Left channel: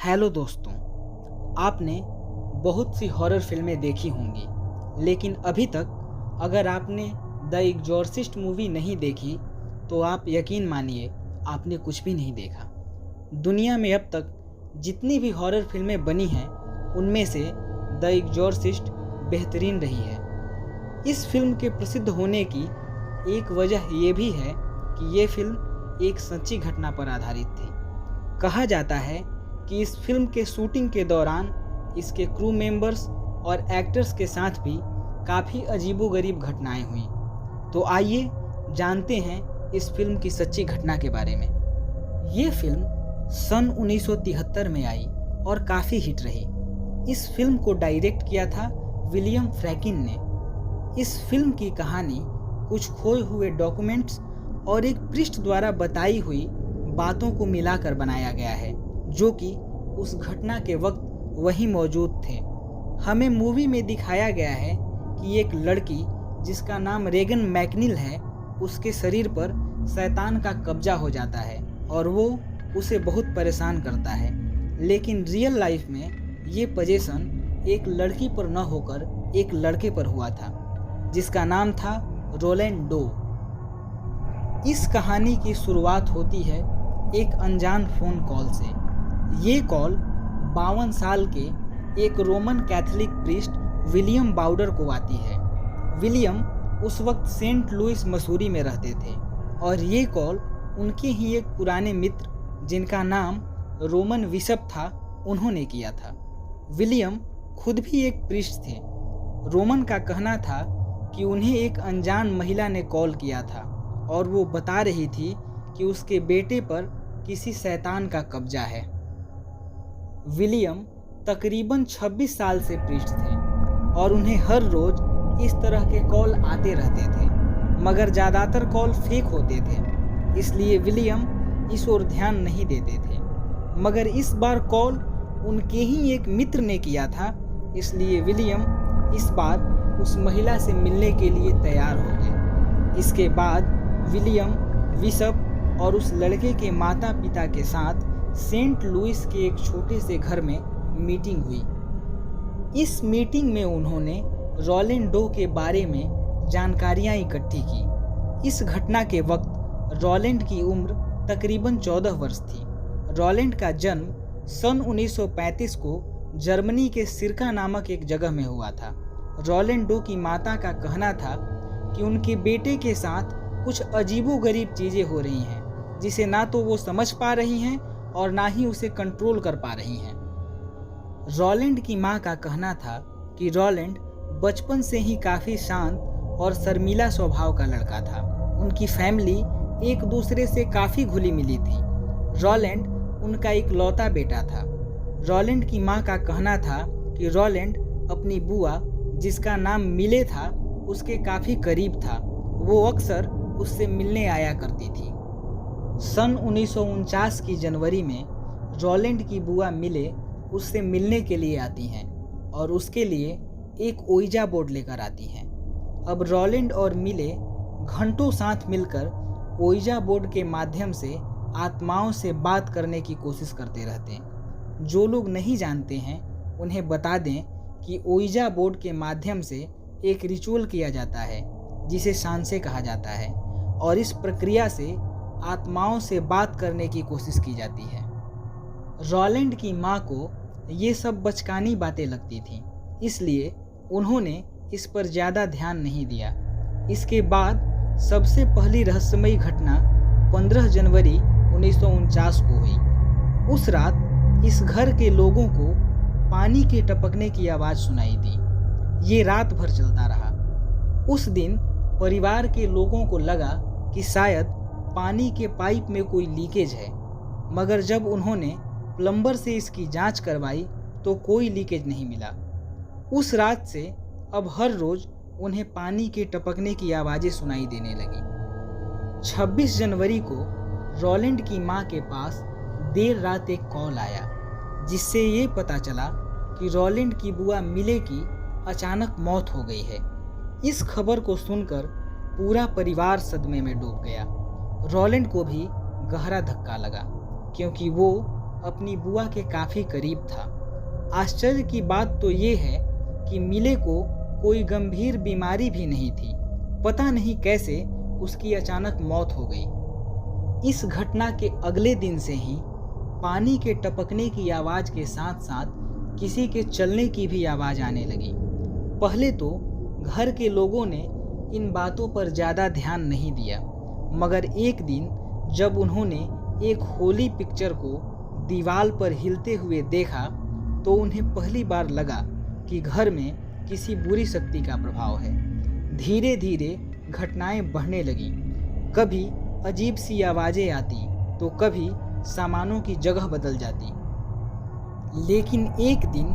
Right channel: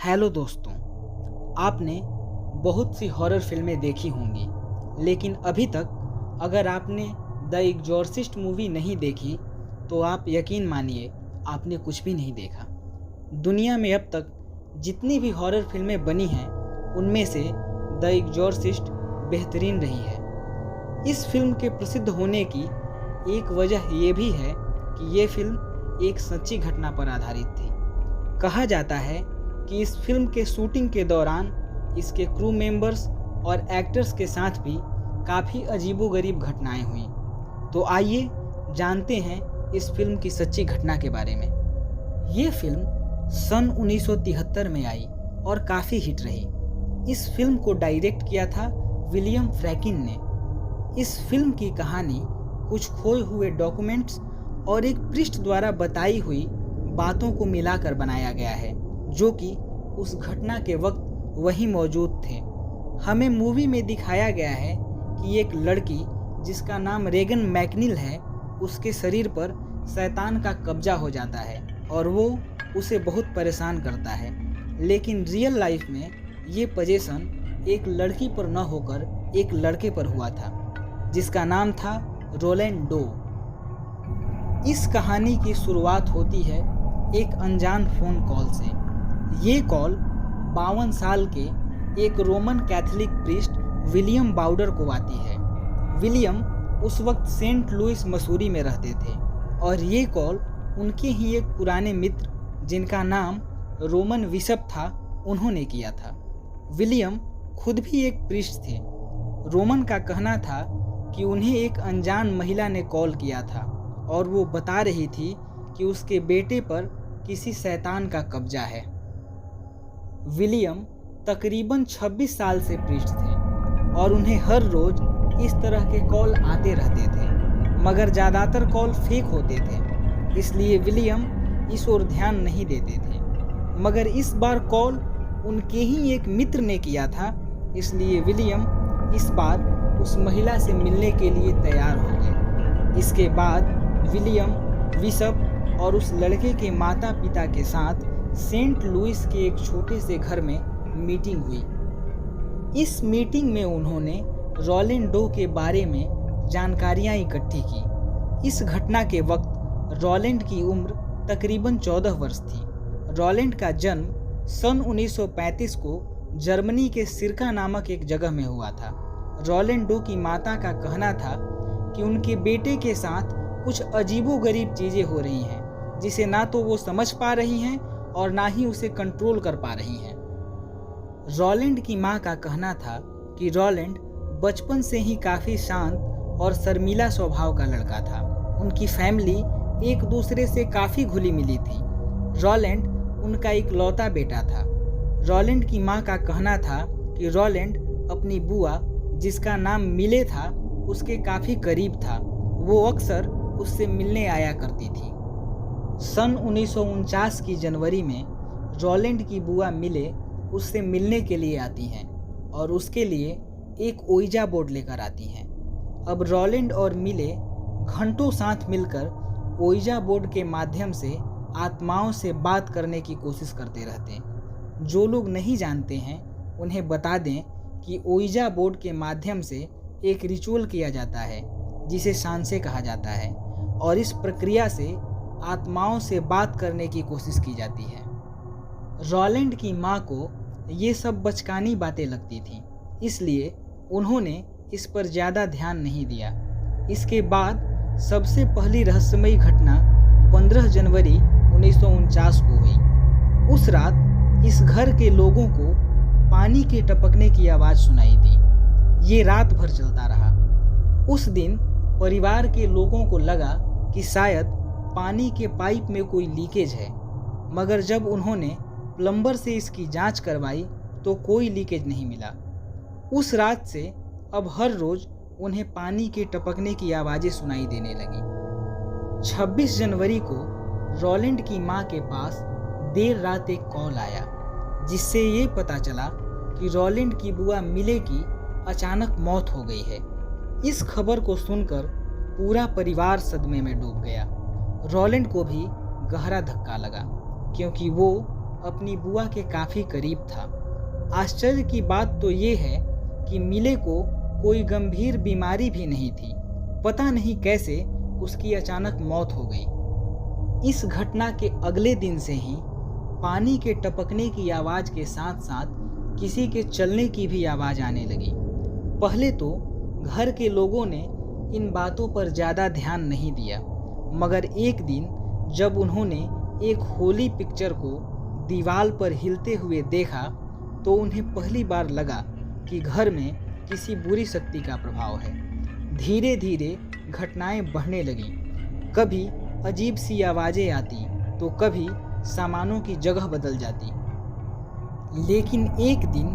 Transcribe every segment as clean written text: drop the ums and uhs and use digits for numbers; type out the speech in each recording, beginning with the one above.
Hello दोस्तों, आपने बहुत सी हॉरर फिल्में देखी होंगी, लेकिन अभी तक अगर आपने द एग्जॉर्सिस्ट मूवी नहीं देखी तो आप यकीन मानिए आपने कुछ भी नहीं देखा। दुनिया में अब तक जितनी भी हॉरर फिल्में बनी हैं उनमें से द एग्जॉर्सिस्ट बेहतरीन रही है। इस फिल्म के प्रसिद्ध होने की एक वजह ये भी है कि ये फिल्म एक सच्ची घटना पर आधारित थी। कहा जाता है कि इस फिल्म के शूटिंग के दौरान इसके क्रू मेंबर्स और एक्टर्स के साथ भी काफ़ी अजीबोगरीब घटनाएं हुई। तो आइए जानते हैं इस फिल्म की सच्ची घटना के बारे में। ये फिल्म सन 1973 में आई और काफ़ी हिट रही। इस फिल्म को डायरेक्ट किया था विलियम फ्रैंकिन ने। इस फिल्म की कहानी कुछ खोए हुए डॉक्यूमेंट्स और एक पृष्ठ द्वारा बताई हुई बातों को मिलाकर बनाया गया है, जो कि उस घटना के वक्त वहीं मौजूद थे। हमें मूवी में दिखाया गया है कि एक लड़की जिसका नाम रेगन मैकनिल है, उसके शरीर पर शैतान का कब्जा हो जाता है और वो उसे बहुत परेशान करता है। लेकिन रियल लाइफ में ये पोजेशन एक लड़की पर न होकर एक लड़के पर हुआ था, जिसका नाम था रोलैंड डो। इस कहानी की शुरुआत होती है एक अनजान फ़ोन कॉल से। ये कॉल 52 साल के एक रोमन कैथोलिक प्रीस्ट विलियम बाउडर को आती है। विलियम उस वक्त सेंट लुइस मसूरी में रहते थे और ये कॉल उनके ही एक पुराने मित्र जिनका नाम रोमन बिशप था, उन्होंने किया था। विलियम खुद भी एक प्रीस्ट थे। रोमन का कहना था कि उन्हें एक अनजान महिला ने कॉल किया था और वो बता रही थी कि उसके बेटे पर किसी शैतान का कब्जा है। विलियम तकरीबन 26 साल से प्रीस्ट थे और उन्हें हर रोज इस तरह के कॉल आते रहते थे, मगर ज़्यादातर कॉल फेक होते थे, इसलिए विलियम इस ओर ध्यान नहीं देते थे। मगर इस बार कॉल उनके ही एक मित्र ने किया था, इसलिए विलियम इस बार उस महिला से मिलने के लिए तैयार हो गए। इसके बाद विलियम बिशप और उस लड़के के माता पिता के साथ सेंट लुइस के एक छोटे से घर में मीटिंग हुई। इस मीटिंग में उन्होंने रोलैंड डो के बारे में जानकारियां इकट्ठी की। इस घटना के वक्त रोलैंड की उम्र तकरीबन 14 वर्ष थी। रोलैंड का जन्म सन 1935 को जर्मनी के सिरका नामक एक जगह में हुआ था। रोलैंड डो की माता का कहना था कि उनके बेटे के साथ कुछ अजीबोगरीब चीज़ें हो रही हैं, जिसे ना तो वो समझ पा रही हैं और ना ही उसे कंट्रोल कर पा रही हैं। रोलैंड की मां का कहना था कि रोलैंड बचपन से ही काफ़ी शांत और शर्मीला स्वभाव का लड़का था। उनकी फैमिली एक दूसरे से काफ़ी घुली मिली थी। रोलैंड उनका इकलौता बेटा था। रोलैंड की मां का कहना था कि रोलैंड अपनी बुआ, जिसका नाम मिले था, उसके काफ़ी करीब था। वो अक्सर उससे मिलने आया करती थी। सन 1949 की जनवरी में रोलैंड की बुआ मिले उससे मिलने के लिए आती हैं और उसके लिए एक ओइजा बोर्ड लेकर आती हैं। अब रोलैंड और मिले घंटों साथ मिलकर ओइजा बोर्ड के माध्यम से आत्माओं से बात करने की कोशिश करते रहते हैं। जो लोग नहीं जानते हैं उन्हें बता दें कि ओइजा बोर्ड के माध्यम से एक रिचुअल किया जाता है जिसे शांसे कहा जाता है, और इस प्रक्रिया से आत्माओं से बात करने की कोशिश की जाती है। रोलैंड की माँ को ये सब बचकानी बातें लगती थीं, इसलिए उन्होंने इस पर ज़्यादा ध्यान नहीं दिया। इसके बाद सबसे पहली रहस्यमयी घटना 15 जनवरी 1949 को हुई। उस रात इस घर के लोगों को पानी के टपकने की आवाज़ सुनाई दी। ये रात भर चलता रहा। उस दिन परिवार के लोगों को लगा कि शायद पानी के पाइप में कोई लीकेज है, मगर जब उन्होंने प्लम्बर से इसकी जांच करवाई तो कोई लीकेज नहीं मिला। उस रात से अब हर रोज़ उन्हें पानी के टपकने की आवाज़ें सुनाई देने लगी। 26 जनवरी को रोलैंड की मां के पास देर रात एक कॉल आया, जिससे ये पता चला कि रोलैंड की बुआ मिले की अचानक मौत हो गई है। इस खबर को सुनकर पूरा परिवार सदमे में डूब गया। रोलैंड को भी गहरा धक्का लगा, क्योंकि वो अपनी बुआ के काफ़ी करीब था। आश्चर्य की बात तो ये है कि मिले को कोई गंभीर बीमारी भी नहीं थी। पता नहीं कैसे उसकी अचानक मौत हो गई। इस घटना के अगले दिन से ही पानी के टपकने की आवाज़ के साथ साथ किसी के चलने की भी आवाज़ आने लगी। पहले तो घर के लोगों ने इन बातों पर ज़्यादा ध्यान नहीं दिया, मगर एक दिन जब उन्होंने एक होली पिक्चर को दीवार पर हिलते हुए देखा तो उन्हें पहली बार लगा कि घर में किसी बुरी शक्ति का प्रभाव है। धीरे धीरे घटनाएं बढ़ने लगीं। कभी अजीब सी आवाज़ें आती तो कभी सामानों की जगह बदल जाती। लेकिन एक दिन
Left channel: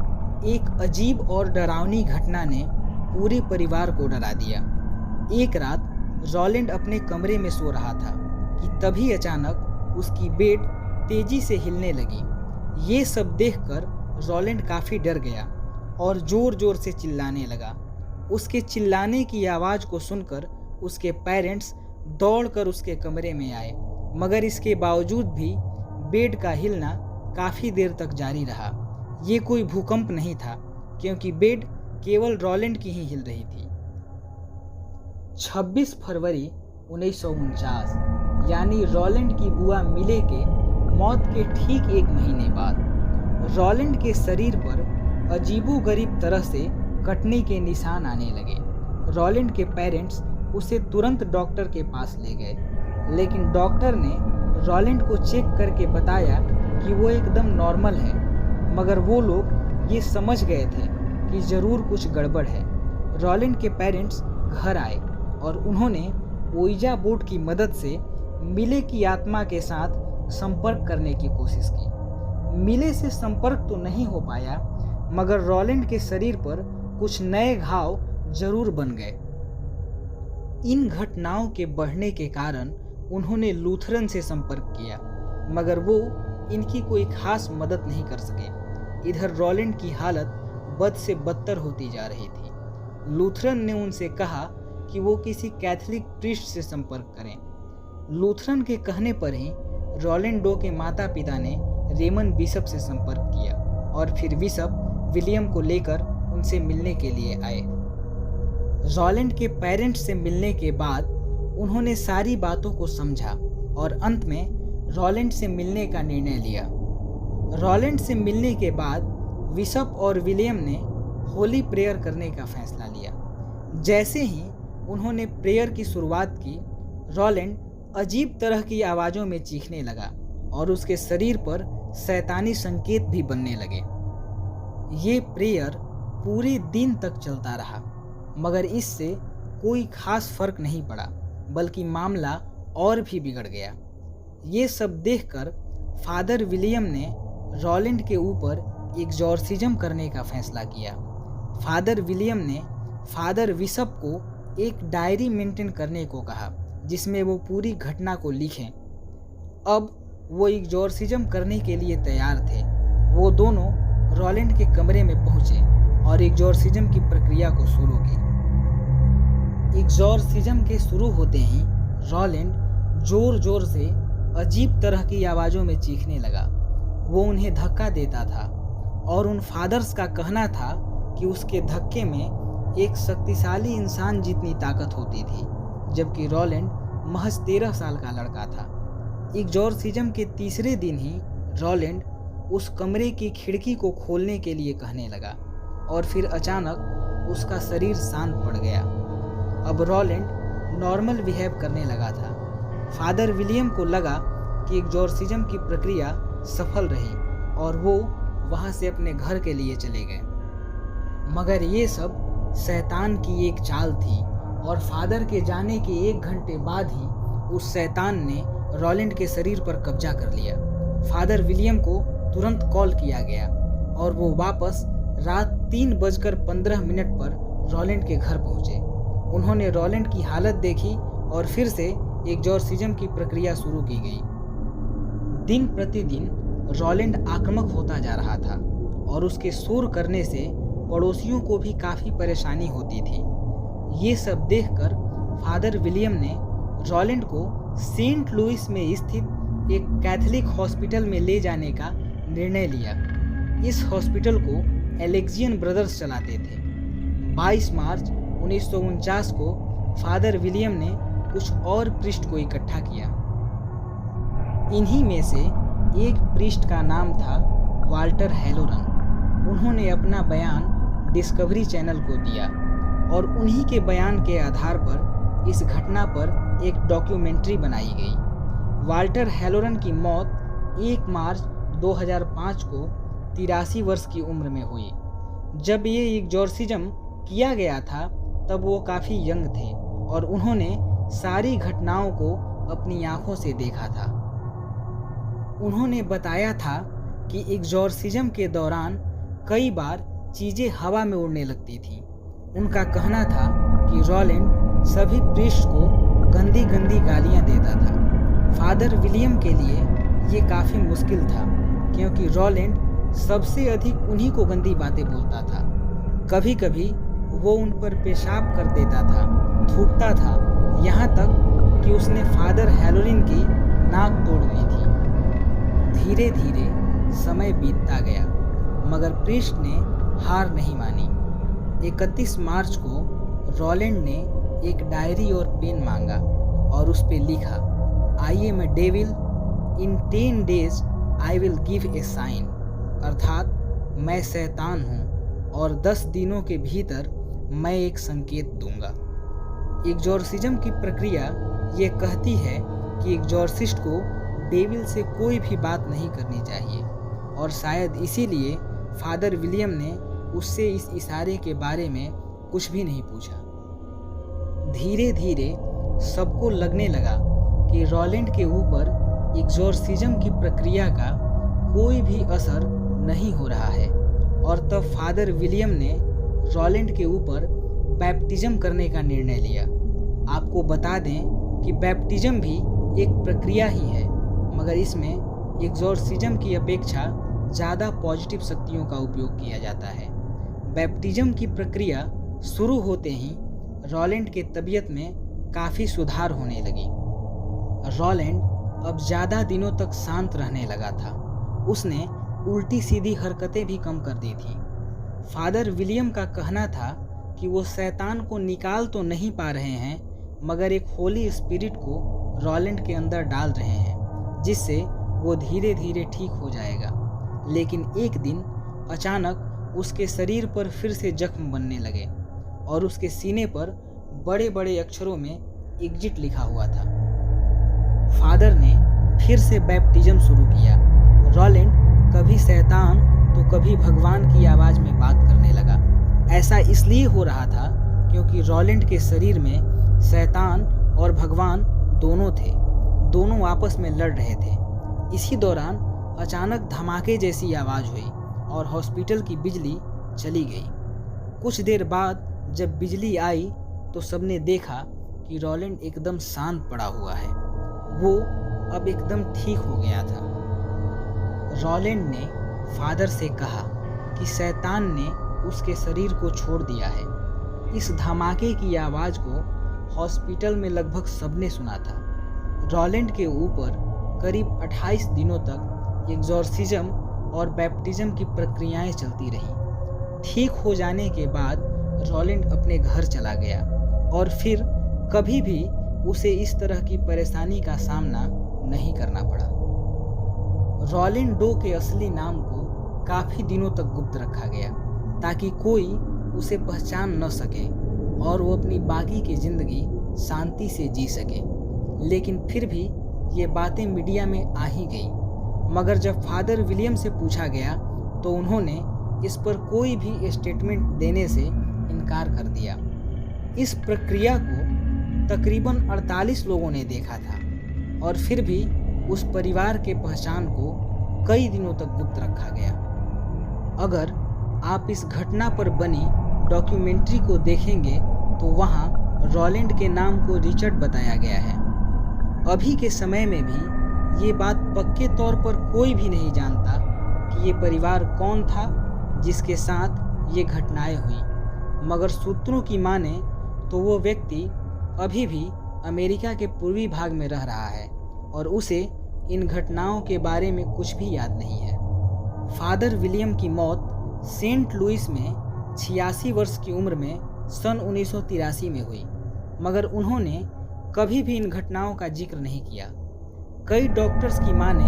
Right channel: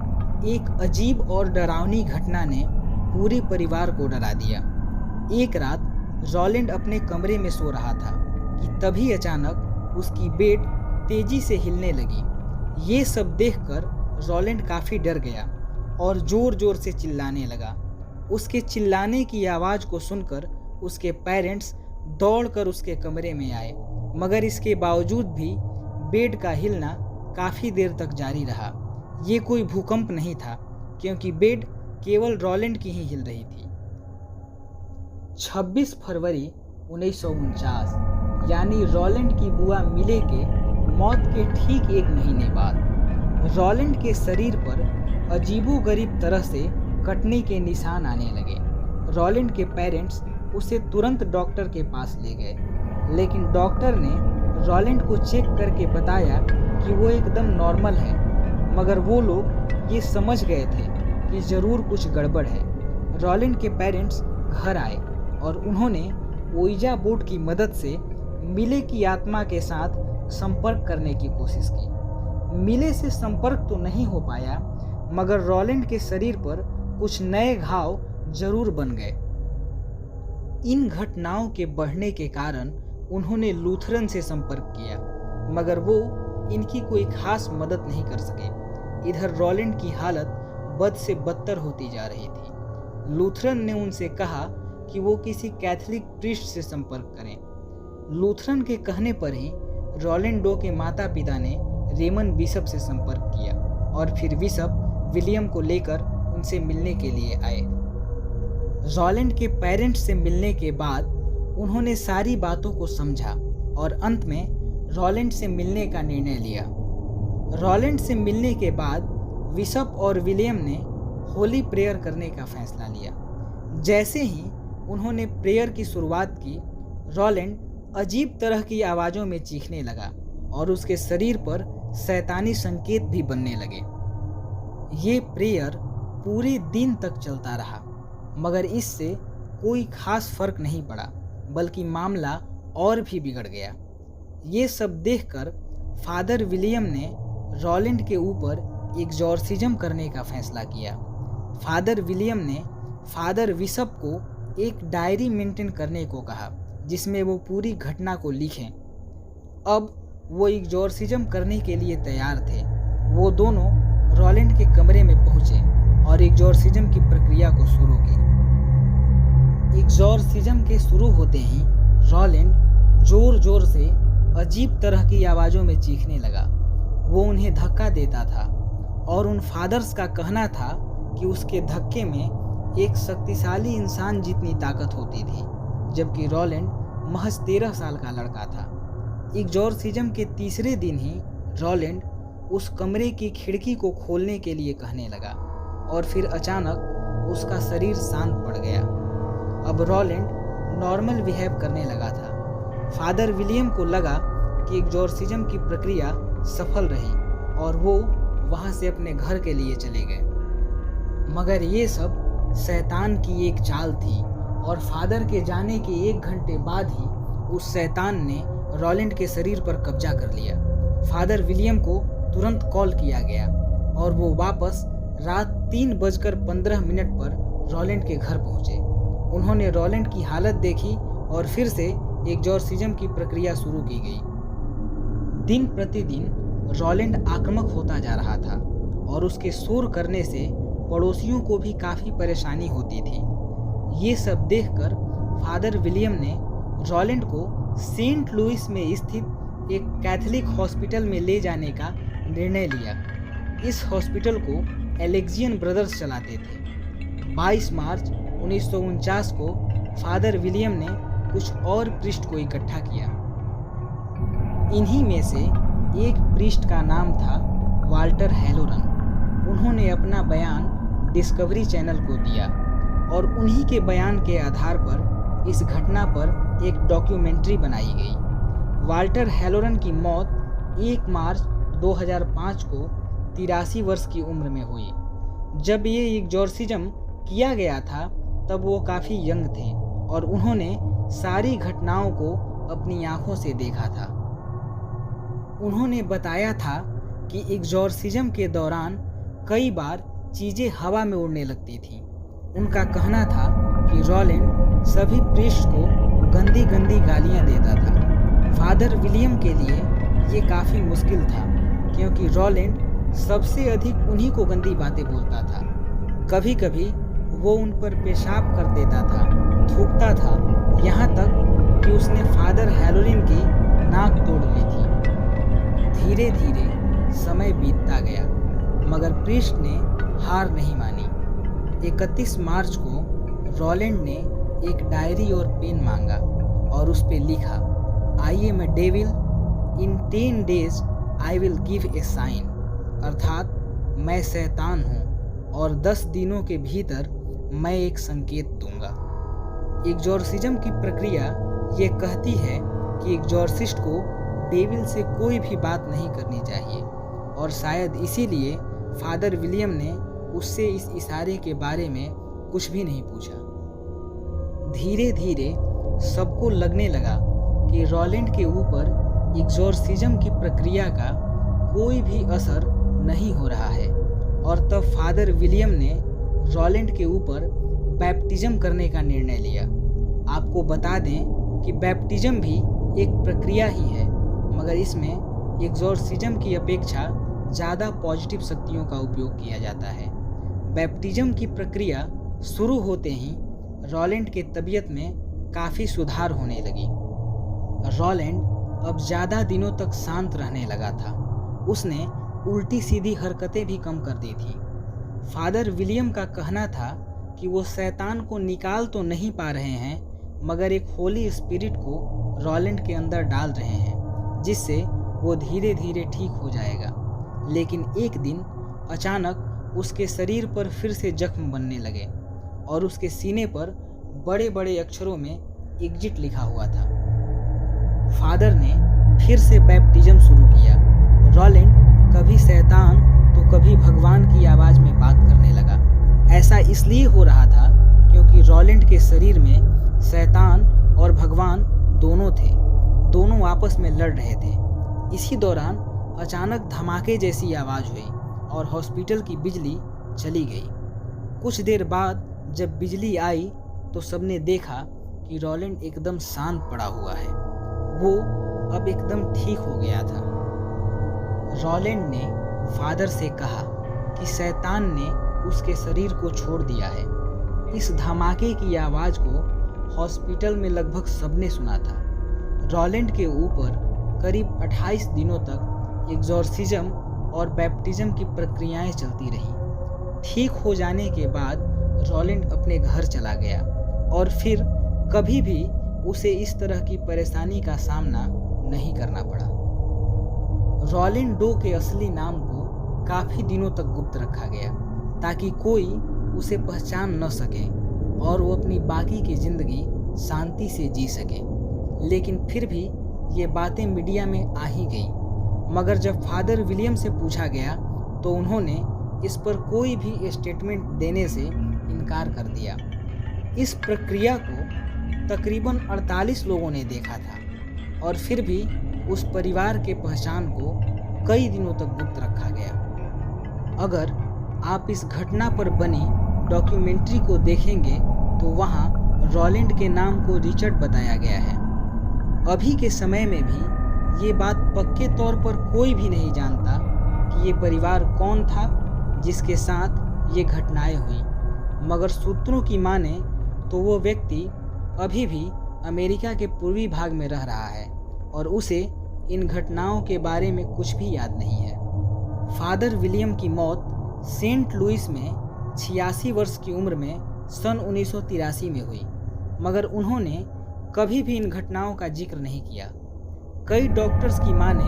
एक अजीब और डरावनी घटना ने पूरे परिवार को डरा दिया। एक रात रॉलैंड अपने कमरे में सो रहा था कि तभी अचानक उसकी बेड तेजी से हिलने लगी। ये सब देखकर रॉलैंड काफ़ी डर गया और ज़ोर ज़ोर से चिल्लाने लगा। उसके चिल्लाने की आवाज़ को सुनकर उसके पेरेंट्स दौड़कर उसके कमरे में आए, मगर इसके बावजूद भी बेड का हिलना काफ़ी देर तक जारी रहा। ये कोई भूकंप नहीं था, क्योंकि बेड केवल रॉलैंड की ही हिल रही थी। 26 फरवरी 1949 यानी रॉलैंड की बुआ मिले के मौत के ठीक एक महीने बाद रॉलैंड के शरीर पर अजीबोगरीब तरह से कटने के निशान आने लगे। रॉलैंड के पेरेंट्स उसे तुरंत डॉक्टर के पास ले गए, लेकिन डॉक्टर ने रॉलैंड को चेक करके बताया कि वो एकदम नॉर्मल है, मगर वो लोग ये समझ गए थे कि ज़रूर कुछ गड़बड़ है। रॉलैंड के पेरेंट्स घर आए और उन्होंने ओइजा बोर्ड की मदद से मिले की आत्मा के साथ संपर्क करने की कोशिश की। मिले से संपर्क तो नहीं हो पाया, मगर रॉलैंड के शरीर पर कुछ नए घाव जरूर बन गए। इन घटनाओं के बढ़ने के कारण उन्होंने लूथरन से संपर्क किया, मगर वो इनकी कोई खास मदद नहीं कर सके। इधर रॉलैंड की हालत बद से बदतर होती जा रही थी। लूथरन ने उनसे कहा कि वो किसी कैथोलिक प्रीस्ट से संपर्क करें। लूथरन के कहने पर ही रॉलैंडो के माता पिता ने रेमन बिशप से संपर्क किया और फिर बिशप विलियम को लेकर उनसे मिलने के लिए आए। रॉलैंड के पेरेंट्स से मिलने के बाद उन्होंने सारी बातों को समझा और अंत में रॉलैंड से मिलने का निर्णय लिया। रॉलैंड से मिलने के बाद बिशप और विलियम ने होली प्रेयर करने का फैसला लिया। जैसे ही उन्होंने प्रेयर की शुरुआत की, रॉलैंड अजीब तरह की आवाज़ों में चीखने लगा और उसके शरीर पर शैतानी संकेत भी बनने लगे। ये प्रेयर पूरे दिन तक चलता रहा, मगर इससे कोई खास फर्क नहीं पड़ा, बल्कि मामला और भी बिगड़ गया। ये सब देखकर फादर विलियम ने रॉलैंड के ऊपर एग्जॉर्सिज्म करने का फैसला किया। फादर विलियम ने फादर बिशप को एक डायरी मेंटेन करने को कहा, जिसमें वो पूरी घटना को लिखें। अब वो एग्जॉर्सिज्म करने के लिए तैयार थे। वो दोनों रॉलैंड के कमरे में पहुंचे और एग्जॉर्सिज्म की प्रक्रिया को शुरू की। एग्जॉर्सिज्म के शुरू होते ही रॉलैंड जोर जोर से अजीब तरह की आवाज़ों में चीखने लगा। वो उन्हें धक्का देता था और उन फादर्स का कहना था कि उसके धक्के में एक शक्तिशाली इंसान जितनी ताकत होती थी, जबकि रॉलैंड महज 13 साल का लड़का था। एग्जॉर्सिज्म के तीसरे दिन ही रॉलैंड उस कमरे की खिड़की को खोलने के लिए कहने लगा और फिर अचानक उसका शरीर शांत पड़ गया। अब रॉलैंड नॉर्मल बिहेव करने लगा था। फादर विलियम को लगा कि एग्जॉर्सिज्म की प्रक्रिया सफल रही और वो वहाँ से अपने घर के लिए चले गए। मगर ये सब शैतान की एक चाल थी और फादर के जाने के 1 घंटे बाद ही उस शैतान ने रॉलैंड के शरीर पर कब्जा कर लिया। फादर विलियम को तुरंत कॉल किया गया और वो वापस रात 3:15 पर रॉलैंड के घर पहुंचे। उन्होंने रॉलैंड की हालत देखी और फिर से एग्जॉर्सिज्म की प्रक्रिया शुरू की गई। दिन प्रतिदिन रॉलैंड आक्रामक होता जा रहा था और उसके शोर करने से पड़ोसियों को भी काफ़ी परेशानी होती थी। ये सब देखकर फादर विलियम ने रॉलैंड को सेंट लुइस में स्थित एक कैथोलिक हॉस्पिटल में ले जाने का निर्णय लिया। इस हॉस्पिटल को एलेक्जियन ब्रदर्स चलाते थे। 22 मार्च 1949 को फादर विलियम ने कुछ और प्रीस्ट को इकट्ठा किया। इन्हीं में से एक प्रीस्ट का नाम था वाल्टर हैलोरन। उन्होंने अपना बयान डिस्कवरी चैनल को दिया और उन्हीं के बयान के आधार पर इस घटना पर एक डॉक्यूमेंट्री बनाई गई। वाल्टर हैलोरन की मौत 1 मार्च 2005 को 83 वर्ष की उम्र में हुई। जब ये एग्जॉर्सिज्म किया गया था तब वो काफ़ी यंग थे और उन्होंने सारी घटनाओं को अपनी आंखों से देखा था। उन्होंने बताया था कि एग्जॉर्सिज्म के दौरान कई बार चीज़ें हवा में उड़ने लगती थीं। उनका कहना था कि रॉलैंड सभी प्रीस्ट को गंदी गंदी गालियां देता था। फादर विलियम के लिए ये काफ़ी मुश्किल था क्योंकि रॉलैंड सबसे अधिक उन्हीं को गंदी बातें बोलता था। कभी कभी वो उन पर पेशाब कर देता था, थूकता था, यहाँ तक कि उसने फादर हैलोरन की नाक तोड़ ली थी। धीरे धीरे समय बीतता गया मगर प्रीस्ट ने हार नहीं मानी। 31 मार्च को रॉलैंड ने एक डायरी और पेन मांगा और उस पे लिखा, I am a devil, in 10 days I will give a sign, अर्थात मैं शैतान हूँ और 10 दिनों के भीतर मैं एक संकेत दूंगा। एग्जॉर्सिज्म की प्रक्रिया ये कहती है कि एग्जॉर्सिस्ट को डेविल से कोई भी बात नहीं करनी चाहिए और शायद इसीलिए फादर विलियम ने उससे इस इशारे के बारे में कुछ भी नहीं पूछा। धीरे धीरे सबको लगने लगा कि रॉलैंड के ऊपर एग्जॉर्सिज्म की प्रक्रिया का कोई भी असर नहीं हो रहा है और तब फादर विलियम ने रॉलैंड के ऊपर बैप्टिज्म करने का निर्णय लिया। आपको बता दें कि बैप्टिज्म भी एक प्रक्रिया ही है मगर इसमें एग्जॉर्सिज्म की अपेक्षा ज़्यादा पॉजिटिव शक्तियों का उपयोग किया जाता है। बैप्टिज्म की प्रक्रिया शुरू होते ही रॉलैंड के तबीयत में काफ़ी सुधार होने लगी। रॉलैंड अब ज़्यादा दिनों तक शांत रहने लगा था। उसने उल्टी सीधी हरकतें भी कम कर दी थीं। फादर विलियम का कहना था कि वो शैतान को निकाल तो नहीं पा रहे हैं मगर एक होली स्पिरिट को रॉलैंड के अंदर डाल रहे हैं जिससे वो धीरे धीरे ठीक हो जाएगा। लेकिन एक दिन अचानक उसके शरीर पर फिर से जख्म बनने लगे और उसके सीने पर बड़े बड़े अक्षरों में एग्जिट लिखा हुआ था। फादर ने फिर से बैप्टिज्म शुरू किया। रॉलैंड कभी शैतान तो कभी भगवान की आवाज़ में बात करने लगा। ऐसा इसलिए हो रहा था क्योंकि रॉलैंड के शरीर में शैतान और भगवान दोनों थे, दोनों आपस में लड़ रहे थे। इसी दौरान अचानक धमाके जैसी आवाज़ हुई और हॉस्पिटल की बिजली चली गई। कुछ देर बाद जब बिजली आई तो सबने देखा कि रॉलैंड एकदम शांत पड़ा हुआ है। वो अब एकदम ठीक हो गया था। रॉलैंड ने फादर से कहा कि शैतान ने उसके शरीर को छोड़ दिया है। इस धमाके की आवाज़ को हॉस्पिटल में लगभग सबने सुना था। रॉलैंड के ऊपर करीब 28 दिनों तक एग्जॉर्सिज्म और बैप्टिज्म की प्रक्रियाएं चलती रहीं। ठीक हो जाने के बाद रॉलैंड अपने घर चला गया और फिर कभी भी उसे इस तरह की परेशानी का सामना नहीं करना पड़ा। रॉलैंड डो के असली नाम को काफ़ी दिनों तक गुप्त रखा गया ताकि कोई उसे पहचान न सके और वो अपनी बाकी की ज़िंदगी शांति से जी सके। लेकिन फिर भी ये बातें मीडिया में आ ही गई मगर जब फादर विलियम से पूछा गया तो उन्होंने इस पर कोई भी स्टेटमेंट देने से इनकार कर दिया। इस प्रक्रिया को तकरीबन 48 लोगों ने देखा था और फिर भी उस परिवार के पहचान को कई दिनों तक गुप्त रखा गया। अगर आप इस घटना पर बनी डॉक्यूमेंट्री को देखेंगे तो वहाँ रॉलैंड के नाम को रिचर्ड बताया गया है। अभी के समय में भी ये बात पक्के तौर पर कोई भी नहीं जानता कि ये परिवार कौन था जिसके साथ ये घटनाएं हुई, मगर सूत्रों की माने तो वो व्यक्ति अभी भी अमेरिका के पूर्वी भाग में रह रहा है और उसे इन घटनाओं के बारे में कुछ भी याद नहीं है। फादर विलियम की मौत सेंट लुइस में 86 वर्ष की उम्र में सन 1983 में हुई, मगर उन्होंने कभी भी इन घटनाओं का जिक्र नहीं किया। कई डॉक्टर्स की माने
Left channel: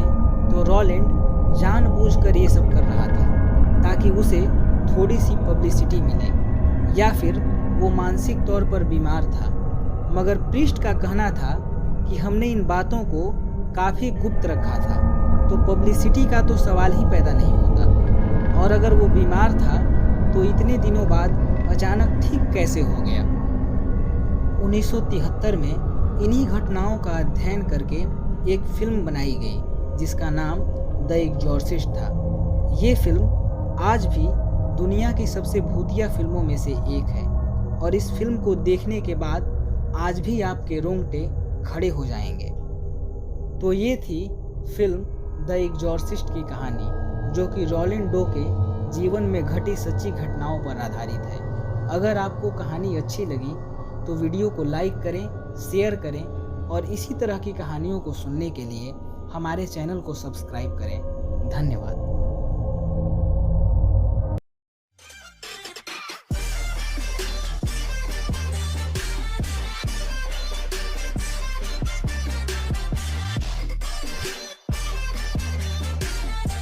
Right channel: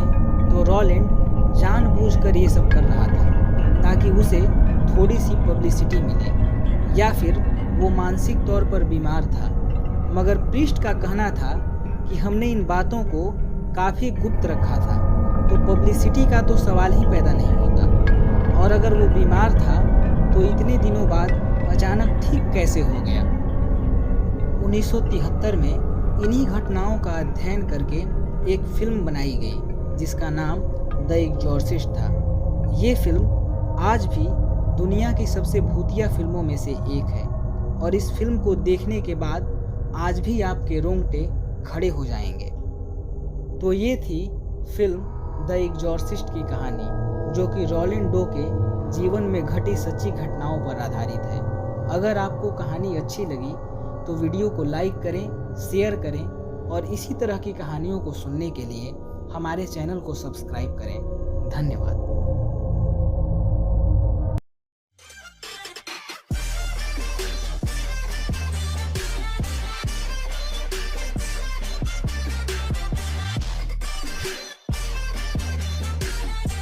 तो रॉलैंड जानबूझकर ये सब कर रहा था ताकि उसे थोड़ी सी पब्लिसिटी मिले, या फिर वो मानसिक तौर पर बीमार था। मगर प्रीस्ट का कहना था कि हमने इन बातों को काफ़ी गुप्त रखा था, तो पब्लिसिटी का तो सवाल ही पैदा नहीं होता। और अगर वो बीमार था तो इतने दिनों बाद अचानक ठीक कैसे हो गया। 1973 में इन्हीं घटनाओं का अध्ययन करके एक फिल्म बनाई गई जिसका नाम द एग्जॉर्सिस्ट था। ये फिल्म आज भी दुनिया की सबसे भूतिया फिल्मों में से एक है, और इस फिल्म को देखने के बाद आज भी आपके रोंगटे खड़े हो जाएंगे। तो ये थी फिल्म द एग्जॉर्सिस्ट की कहानी, जो कि रॉलैंड डो के जीवन में घटी सच्ची घटनाओं पर आधारित है। अगर आपको कहानी अच्छी लगी तो वीडियो को लाइक करें, शेयर करें, और इसी तरह की कहानियों को सुनने के लिए हमारे चैनल को सब्सक्राइब करें। धन्यवाद।